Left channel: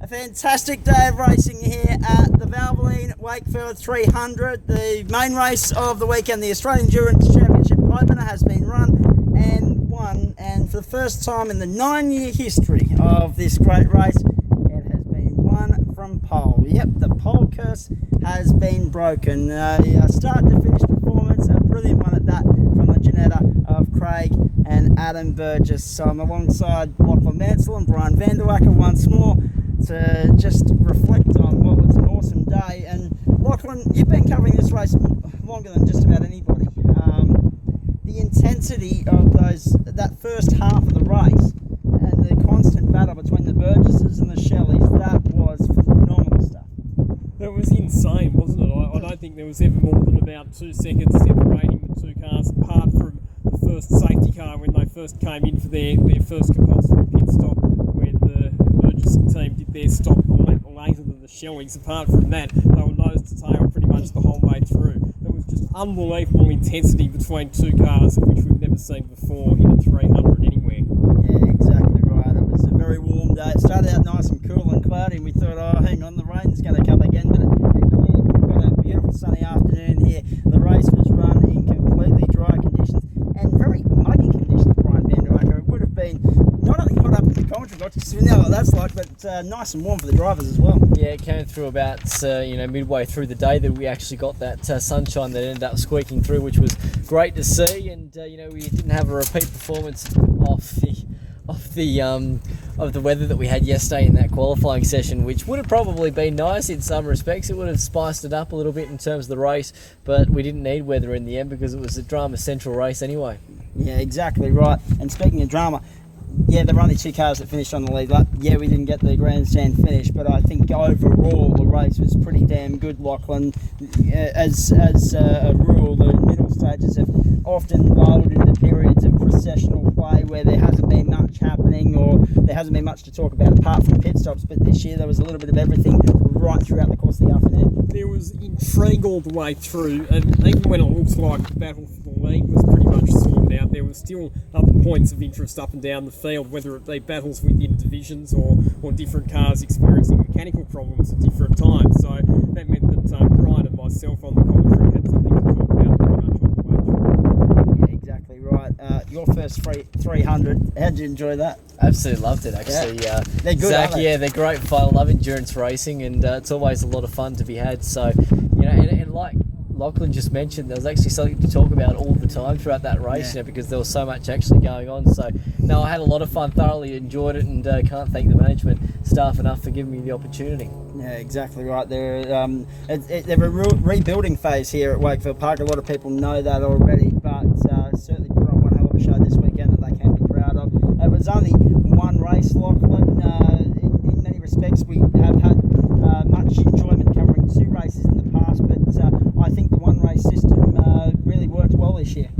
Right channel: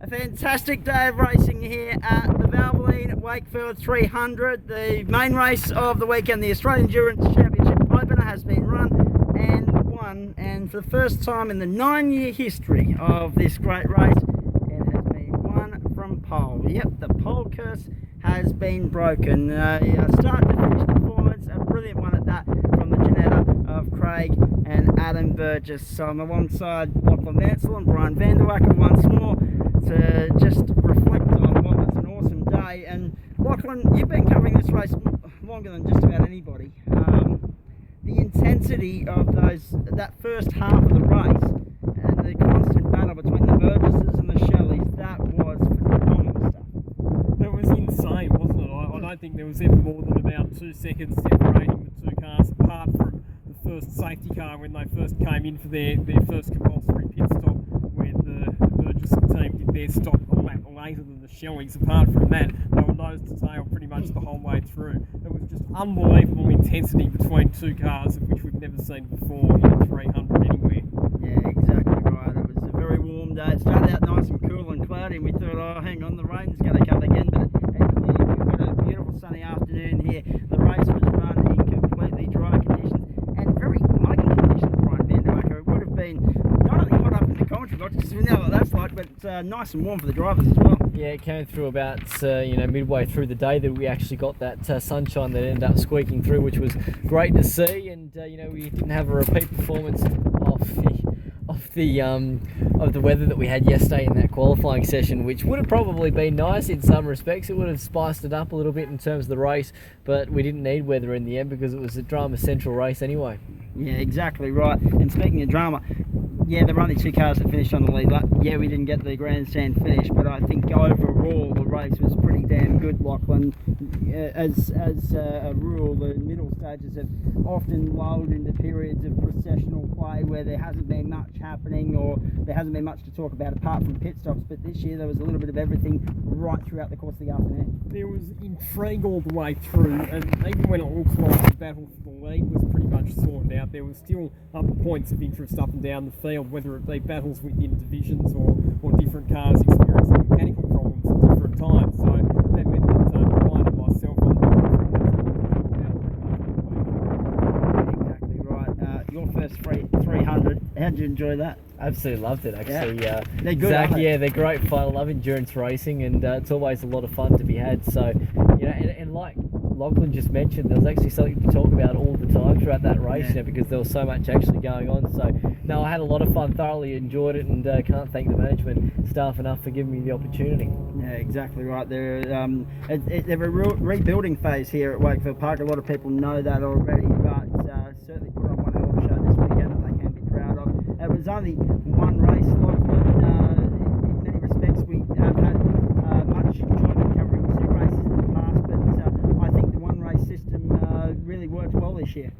A fantastic day of racing here at the Valvoline Wakefield 300. The main race of the weekend, the Australian Endurance Championship opener, has been run and won. And for the first time in the 9-year history of this great race, it has been won from pole. Yep, the pole curse has been broken. Start to finish performance, a brilliant one at that from the Janetta of Craig and Adam Burgess. So I'm alongside Lachlan, Mansell and Brian van der Wakker once more to just reflect on what was an awesome day. And Lachlan, you've been covering this race longer than just about anybody. The intensity of that first half of the race and the constant battle between the Burgesses and the Shelleys, that was phenomenal stuff. It was insane, wasn't it? I don't think there was ever more than about 2 seconds separating the two cars, apart from the first safety car when they first came in for their first compulsory pit stop, where the Burgess team did their stop a lap later than the Shelleys. Apart from that, they were nose to tail pretty much the whole way through. It was just unbelievable intensity between two cars, which we've never seen before in a 300 anywhere. Yeah, exactly right. It was a very warm day. It started out nice and cool and cloudy, and we thought, oh, hang on, the rain's going to come again, but we've got a beautiful sunny afternoon here. The race was run in completely dry conditions and very muggy conditions, Brian van der Wakker. It would have been not only hot up in the commentary box, just so we know what that's like, but nice and warm for the drivers as well. Yeah, it came through about midway through the day that we actually got that sunshine that ended up squeaking through, which was great to see. And we didn't have a repeat performance of the weather that we had yesterday in that qualifying session, which would have probably been nice in some respects. It would have spiced it up a little bit in terms of the race, but we didn't need weather in the end because it was a drama central race anyway. Yeah, exactly right. And speaking of drama, yeah, there were only 2 cars that finished on the lead lap. Yeah, we didn't get the grandstand finish, but I think overall the race was pretty damn good, Lachlan. As a rule, the middle stages have often lulled into periods of processional play where there hasn't been much happening or there hasn't been much to talk about apart from pit stops, but this year there was a little bit of everything right throughout the course of the afternoon. There was intrigue all the way through, and even when it looked like the battle for the lead was pretty much sorted out, there was still other points of interest up and down the field, whether it be battles within divisions or different cars experiencing mechanical problems at different times. So that meant that Brian and myself on the commentary had something to talk about pretty much all the way through. Exactly right. Your first 300, how'd you enjoy that? Absolutely loved it, actually. Yeah. They're good, Zach, aren't they? yeah, they're great fun. I love endurance racing, and it's always a lot of fun to be had. So, and like Lachlan just mentioned, there was actually something to talk about all the time throughout that race, because there was so much actually going on. So, no, I had a lot of fun, thoroughly enjoyed it, and can't thank the management staff enough for giving me the opportunity. Yeah, exactly right. They're a rebuilding phase here at Wakefield Park. A lot of people know that already, but certainly put on one hell of a show this weekend that they can be proud of. It was only one race, Lachlan. In many respects, we have had much enjoyment covering 2 races in the past, but I think the one race system really worked well this year.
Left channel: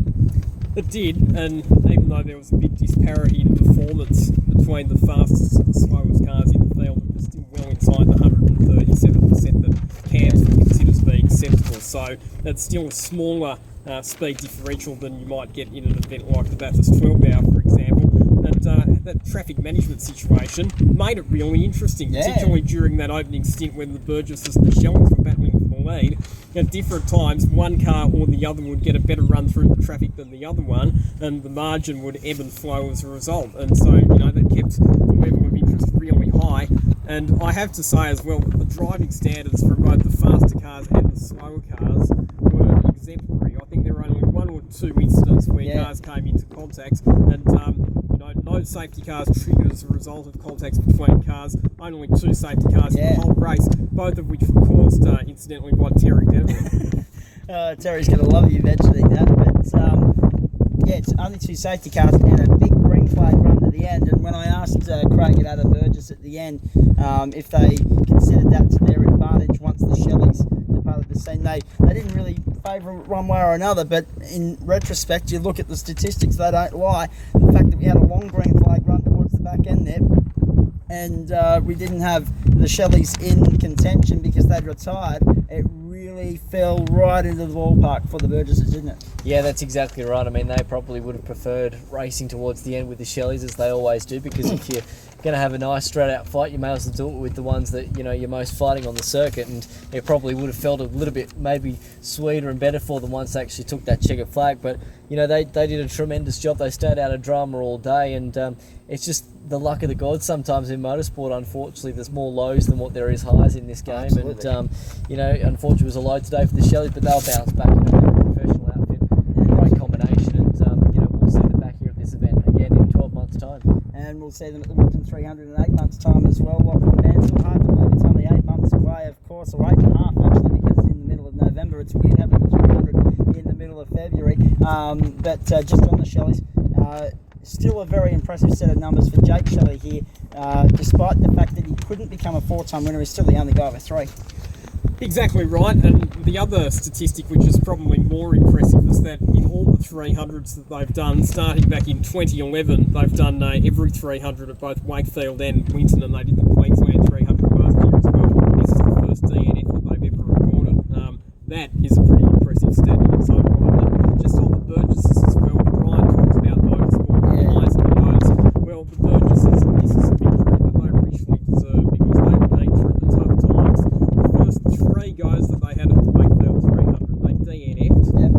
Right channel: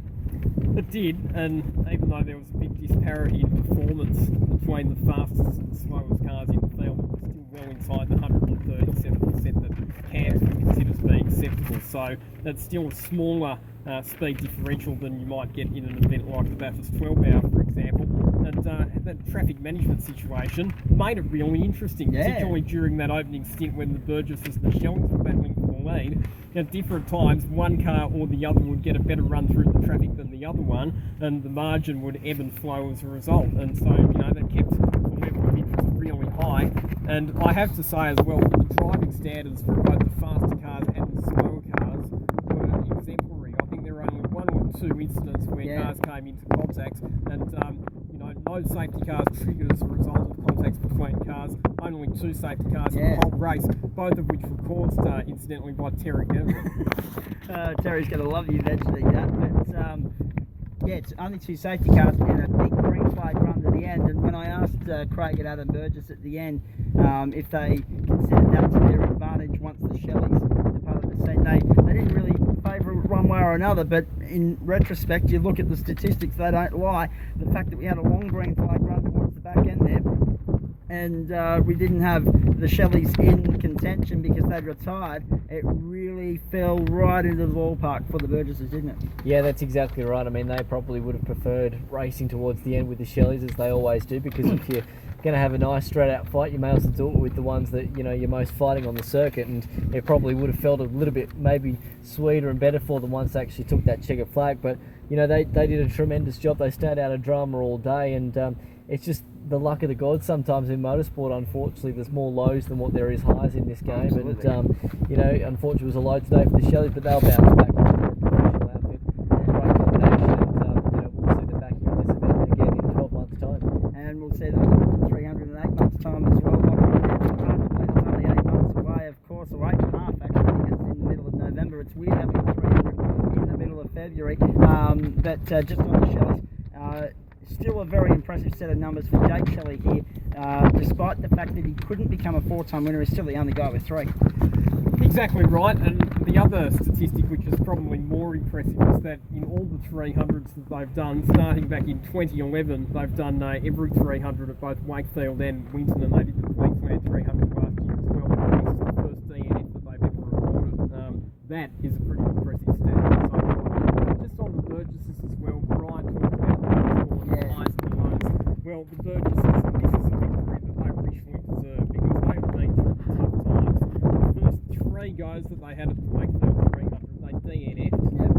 It did, and even though there was a big disparity in performance between the fastest and the slowest cars in the field, it was still well inside the 137% that CAMS would consider to be acceptable. So that's still a smaller speed differential than you might get in an event like the Bathurst 12 Hour, for example. And that traffic management situation made it really interesting, particularly during that opening stint when the Burgesses and the Shelleys were battling for the lead. At different times, one car or the other would get a better run through the traffic than the other one, and the margin would ebb and flow as a result. And so, that kept the level of interest really high. And I have to say as well, the driving standards for both the faster cars and the slower cars were exemplary. I think there were only 1 or 2 incidents where cars came into contact, and no safety cars triggered as a result of contacts between cars. Only 2 safety cars in the whole race, both of which were caused incidentally by Terry Denver. Terry's going to love you mentioning that, but it's only 2 safety cars and a big green flag run to the end. And when I asked Craig and Adam Burgess at the end if they considered that to their advantage once the Shelleys departed the scene, they didn't really favour it one way or another, but in retrospect, you look at the statistics, they don't lie. The fact that we had a long green flag run towards the back end there, and we didn't have the Shelleys in contention because they'd retired, it really fell right into the ballpark for the Burgesses, didn't it? Yeah, that's exactly right. I mean, they probably would have preferred racing towards the end with the Shelleys, as they always do, because if you're going to have a nice straight-out fight, you may as well do it with the ones that, you're most fighting on the circuit, and it probably would have felt a little bit maybe sweeter and better for them once they actually took that checkered flag. But, they did a tremendous job. They stayed out of drama all day, and it's just the luck of the gods sometimes in motorsport. Unfortunately, there's more lows than what there is highs in this game. Absolutely. And unfortunately it was a low today for the Shelleys, but they'll bounce back on a professional outfit. Great combination, and we'll see them back here in this event again in 12 months' time. And we'll see them at the Winton 300 in 8 months' time as well. It's hard to believe it's only 8 months away, of course, or 8.5 actually, because it's in the middle of November. It's weird having the 300 in the middle of February. But just on the Shelleys, still a very impressive set of numbers for Jake Shelley here. Despite the fact that he couldn't become a 4-time winner, he's still the only guy with 3. Exactly right, and the other statistic which is probably more impressive is that in all the 300s that they've done, starting back in 2011, they've done every 300 at both Wakefield and Winton, and they did the Queensland 300 last year as well. This is the first DNF that they've ever recorded. That is a pretty impressive stat in its own right. But just on the Burgesses as well, Brian talks about motorsport, the highs and the lows. Well, the Burgesses, this is a victory that they richly deserve because they've been through the tough times. The first 3 goes that they had at the Wakefield 300, they DNF'd. Yep.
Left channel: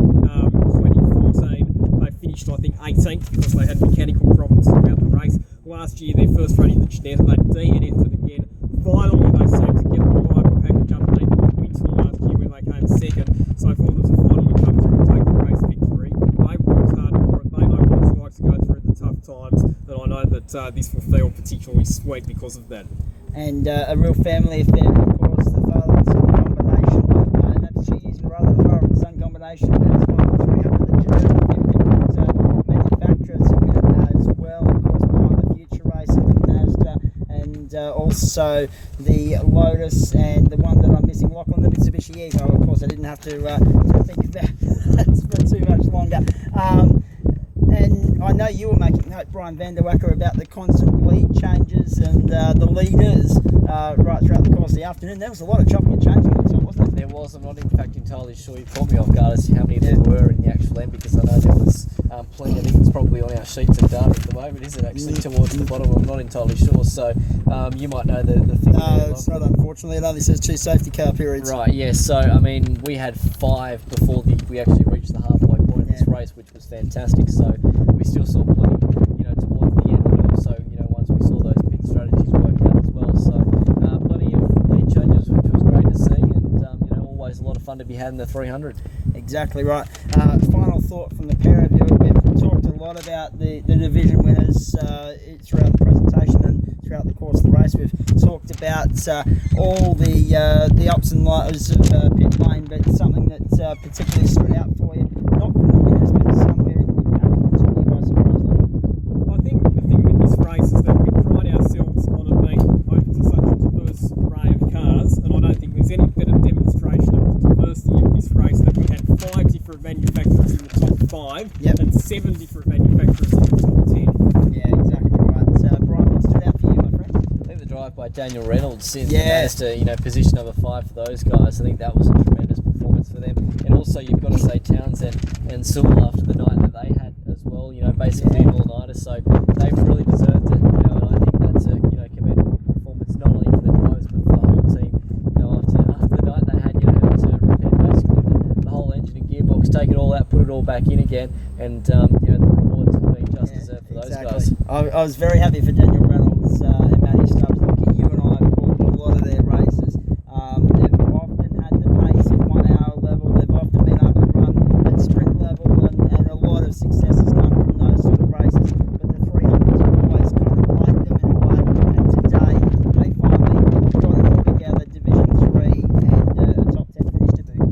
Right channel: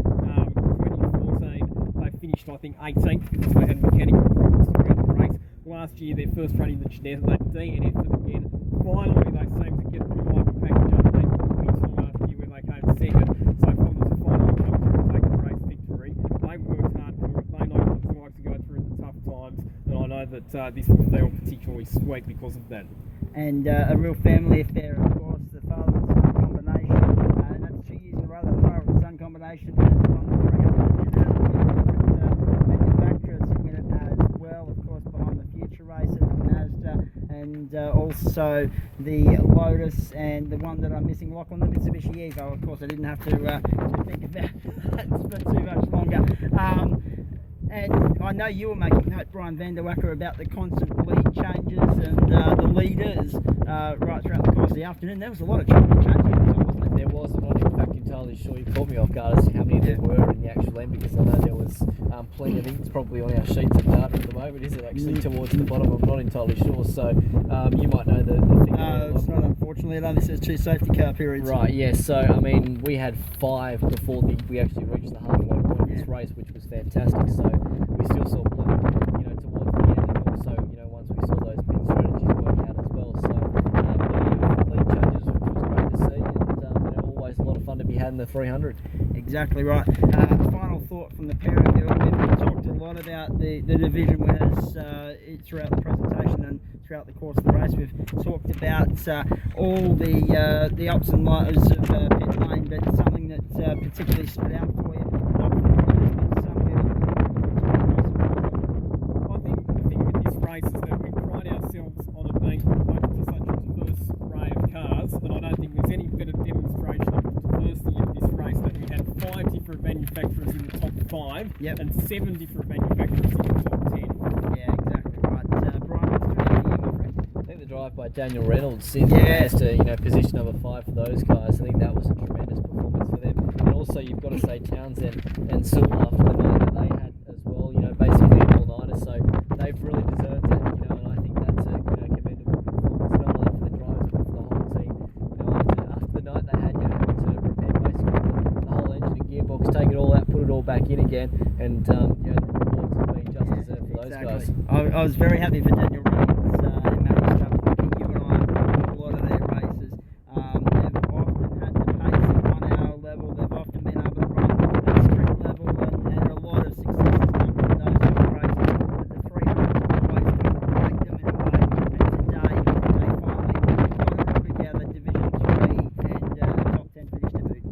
2014, they finished, I think, 18th because they had mechanical problems throughout the race. Last year, their first run in the Geneva, they DNF'd it again. Finally, they seemed to get the reliable package underneath the Winton last year where they came second. So for them to finally come through and take a race victory, they worked hard for it. They know what it's like to go through the tough times, and I know that this will feel particularly sweet because of that. And a real family affair, of course, the father and son combination. And that's 2 years in a row that the father and son combination has won the 300 manufacturers as well, of course, behind the Future Racing and Mazda, and also the Lotus, and the one that I'm missing, Lachlan, the Mitsubishi Evo. Of course, I didn't have to think about that for too much longer. And I know you were making note, Brian van der Wakker, about the constant lead changes and the leaders right throughout the course of the afternoon. There was a lot of chopping and changing, wasn't there? There was. I'm not in fact entirely sure. You caught me off guard as to how many there were in the actual end, because I know there was plenty. I think it's probably on our sheets of data at the moment, isn't it? Actually, towards the bottom. I'm not entirely sure. So you might know the figure. No, it's not, unfortunately. It only says 2 safety car periods. Right, yes. So, I mean, we had 5 before we actually reached the halfway point of this race, which was fantastic. So we still saw plenty, towards the end, and also, once we saw those pit strategies work out as well. So plenty of lead changes, which was great to see, and always a lot of fun to be had in the 300. Exactly right. Final thought from the pair of you. We've talked a lot about the division winners throughout the presentation and throughout the course of the race. We've talked about all the ups and lows of pit lane, but something that particularly stood out for you, not from the winners, but something I think the thing with this race is that we pride ourselves on it being open to such a diverse array of cars, and I don't think there's any better demonstration of the diversity of this race that we had 5 different manufacturers in the top 5 and 7 different manufacturers in the top 10. Yeah, exactly right. Brian, what's the out for you, my friend? I think the drive by Daniel Reynolds in as to position number 5 for those guys. I think that was a tremendous performance for them. And also you've got to say Townsend and Sewell after the night that they had as well. Basically an all-nighter. So they've really deserved it. And I think that's a commendable performance not only for the drivers but for the whole team. After the night they had, to repair basically the whole engine and gearbox, take it all out, put it all back in again, and the rewards have been just deserved for those guys. I was very happy for Daniel Reynolds and Matty Stubbs. You and I have called a lot of their races. They've often had the pace of 1 hour level. They've often been able to run at sprint level, and a lot of success has come from those sort of races. But the 300 always kind of packed them in the back, and today they finally got a little bit out of Division 3 and the top 10 finished today.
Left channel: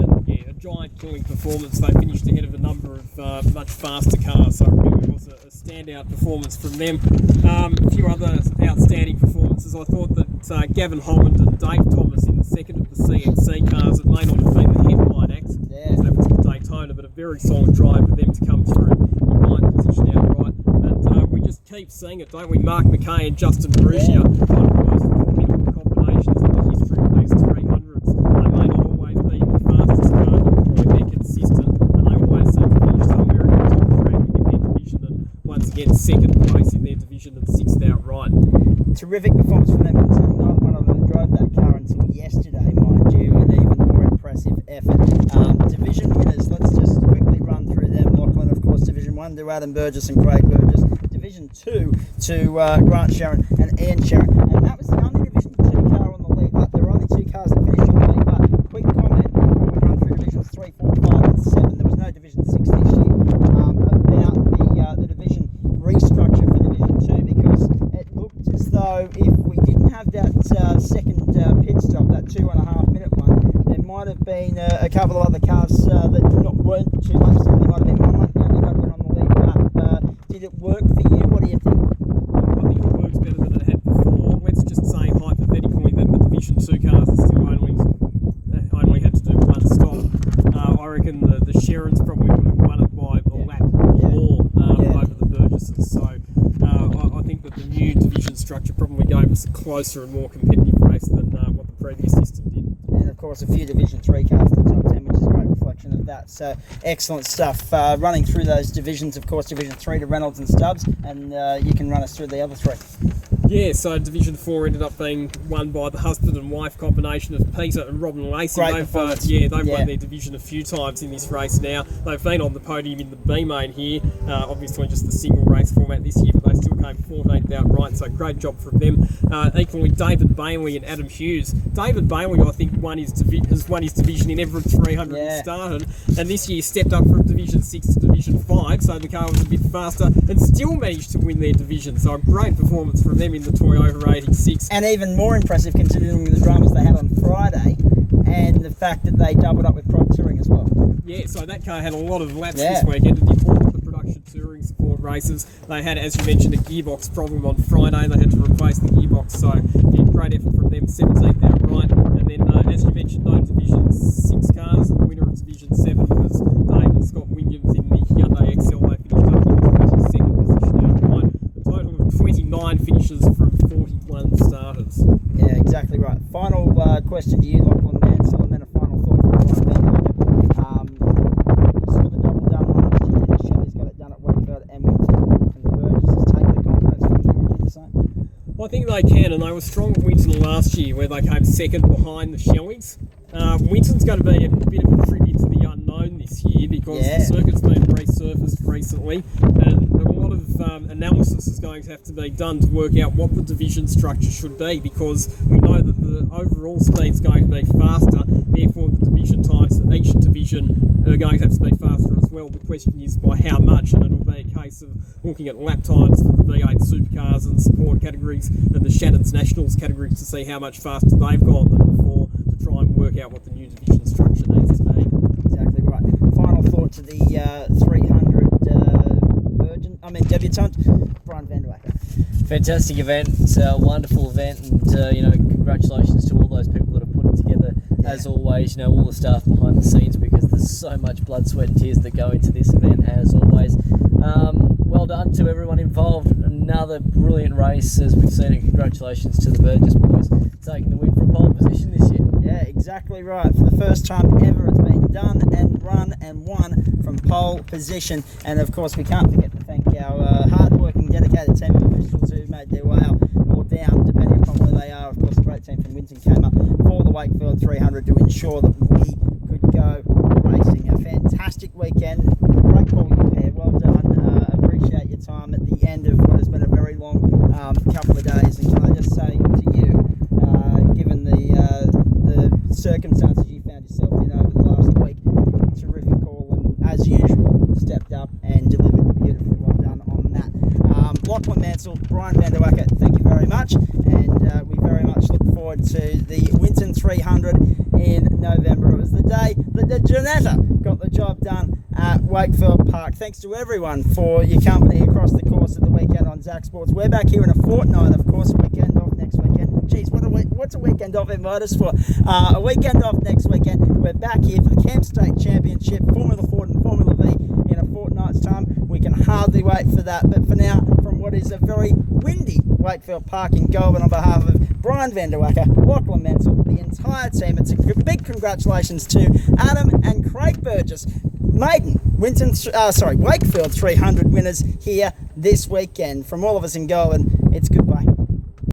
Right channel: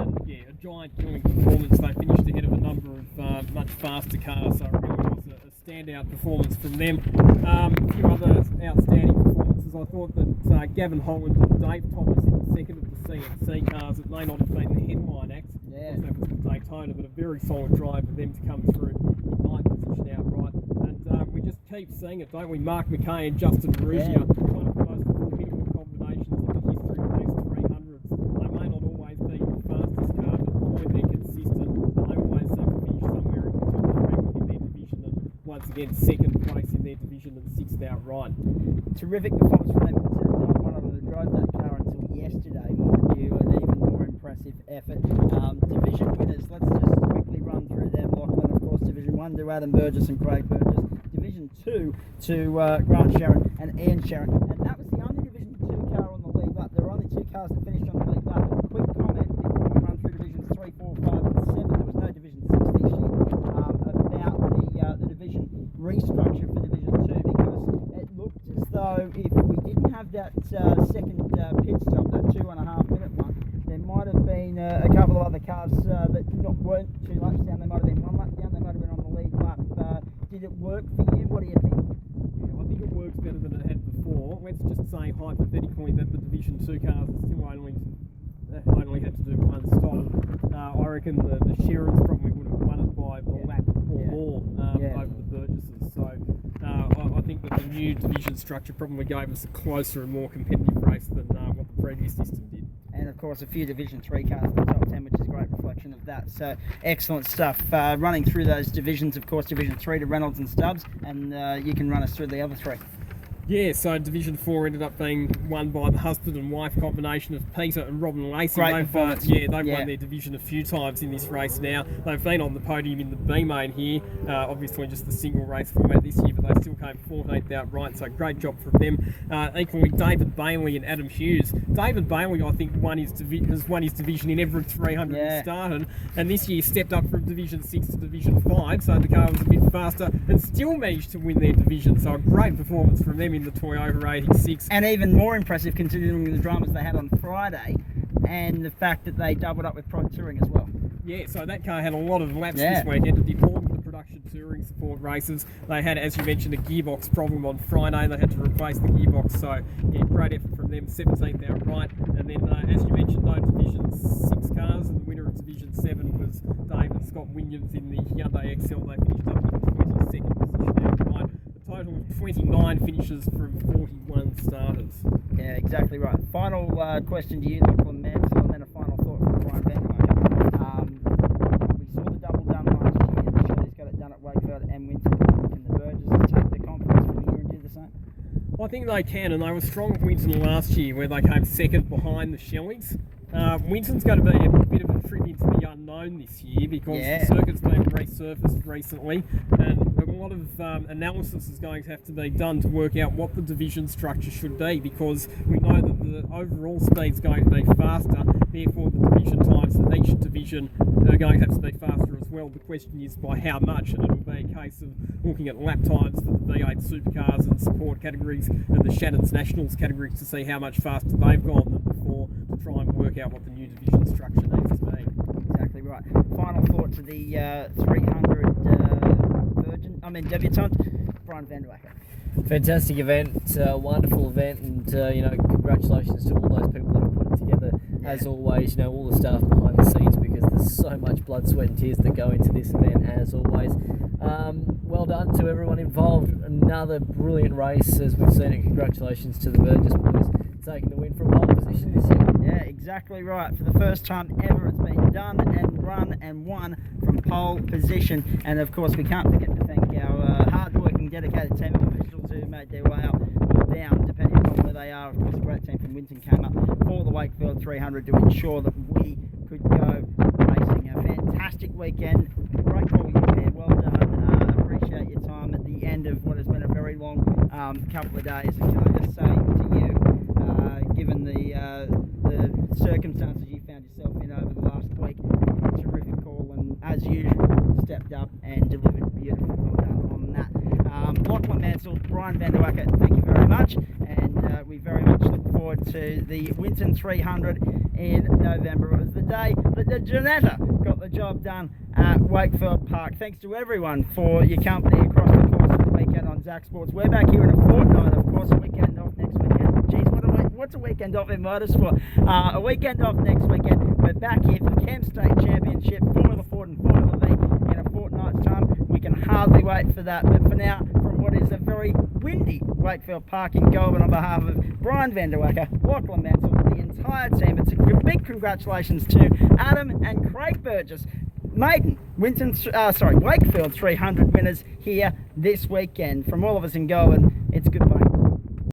And yeah, a giant killing performance. They finished ahead of a number of much faster cars, so it really was a standout performance from them. A few other outstanding performances. I thought that Gavin Holland and Dave Thomas in the second of the CNC cars, it may not have been the headline act, because that was the Daytona, but a very solid drive for them to come through in ninth position outright. And we just keep seeing it, don't we? Mark McKay and Justin Marussia, one of the most formidable combinations in the history of these 300s. They may not always be the fastest car, but they're consistent, and they always seem to finish somewhere in the top three within their division, and once again, second place in their division and sixth outright. Terrific performance from them. Not one of them drove that car until yesterday, mind you, an even more impressive effort. Division winners, let's just quickly run through them. Lachlan, of course, Division 1 to Adam Burgess and Craig Burgess. Division 2 to Grant Sharon and Ian Sharon. And that was the only Division 2 car on the lead lap. There were only 2 cars that finished on the lead lap. Quick comment, we run through Divisions 3, 4, 5 and 7. There was no Division 6 this year. About the division restructure for Division 2, because it looked as though if we didn't have that second pit stop, that 2.5 minute one, there might have been a couple of other cars that weren't too much. There might have been one lap down, another one on the lead lap. Did it work for you? What do you think? I think it works better than it had before. Let's just say hypothetically that the Division 2 cars are still only had to do one stop. I reckon the Sharons probably would have won it by a lap or more over the Burgesses. So I think that the new division structure probably gave us a closer and more competitive race than what the previous system did. And of course a few Division 3 cars in the top 10, which is a great reflection of that. So excellent stuff. Running through those divisions, of course, Division 3 to Reynolds and Stubbs, and you can run us through the other 3. Yeah, so Division 4 ended up being won by the husband and wife combination of Peter and Robin Lacey. They've won their division a few times in this race now. They've been on the podium in the B main here, obviously just the single race format this year, but they still came 14th outright, so great job from them. Equally, David Bailey and Adam Hughes. David Bailey, I think, has won his division in every 300 he started, and this year stepped up from Division 6 to Division 5, so the car was a bit faster and still managed to win their division. So a great performance from them in the Toyota 86. And even more impressive considering the dramas they had on Friday and the fact that they doubled up with Prod Touring as well. Yeah, so that car had a lot of laps this weekend and did all of the production touring support races. They had, as you mentioned, a gearbox problem on Friday. They had to replace the gearbox, so yeah, great effort from them, 17th outright. And then, as you mentioned, no Division 6 cars, and the winner of Division 7 was Dave and Scott Williams in the Hyundai XL. They finished up in the 22nd position outright. A total of 29 finishes from 41 starters. Yeah, exactly right. Final question to you, Lachlan Mansell, and then a final thought from Brian Van. We saw the double done last year. Shelley's got it done at Wakefield and Winton. Can the Burgesses take the confidence from here and do the same? Well, I think they can, and they were strong at Winton last year, where they came second behind the Shelleys. Winton's going to be a bit of a trip into the unknown this year because the circuit's been resurfaced recently, and a lot of analysis is going to have to be done to work out what the division structure should be, because we know that the overall speed's going to be faster, therefore the division times for each division are going to have to be faster as well. The question is by how much, and it'll be a case of looking at lap times for the V8 supercars and support categories and the Shannon's Nationals categories to see how much faster they've gone than before, to try and work out what the new division structure needs to be. Exactly right. Final thought to the 300 debutant, Brian Van Der Wakker. Fantastic event, wonderful event, and congratulations to all those people that have put it together. As always, all the staff behind the scenes, because there's so much blood, sweat and tears that go into this event, as always. Well done to everyone involved. Another brilliant race, as we've seen it. Congratulations to the Burgess boys taking the win from pole position this year. Yeah, exactly right. For the first time ever, it's been done and run and won from pole position. And of course, we can't forget to thank our hard-working, dedicated team of officials who made their way up or down, depending upon where they are. Of course, a great team from Winton came up for the Wakefield 300 to ensure that we could go racing. A fantastic weekend. Great call there. Well done. Appreciate your time at the end of what has been a very long couple of days. And can I just say to you, given the circumstances you found yourself in over the last week, terrific call, and as usual, stepped up and delivered beautifully. Well done on that. Lachlan Mansell, Brian Van Der Wakker, thank you very much, and we very much look forward to the Winton 300 in November. It was the day that the Janetta got the job done at Wakefield Park. Thanks to everyone for your company across the course of the weekend on Zak Sports. We're back here in a fortnight, of course, weekend off next weekend. Geez, what's a weekend off in motorsport? A weekend off next weekend. We're back here for the Camp State Championship, Formula Ford and Formula V in a fortnight's time. We can hardly wait for that, but for now, from what is a very windy Wakefield Park in Goulburn on behalf of Brian van der Wakker, Lachlan, Mansell, the entire team. It's a big congratulations to Adam and Craig Burgess, maiden Wakefield 300 winners here this weekend. From all of us in Goulburn, it's goodbye.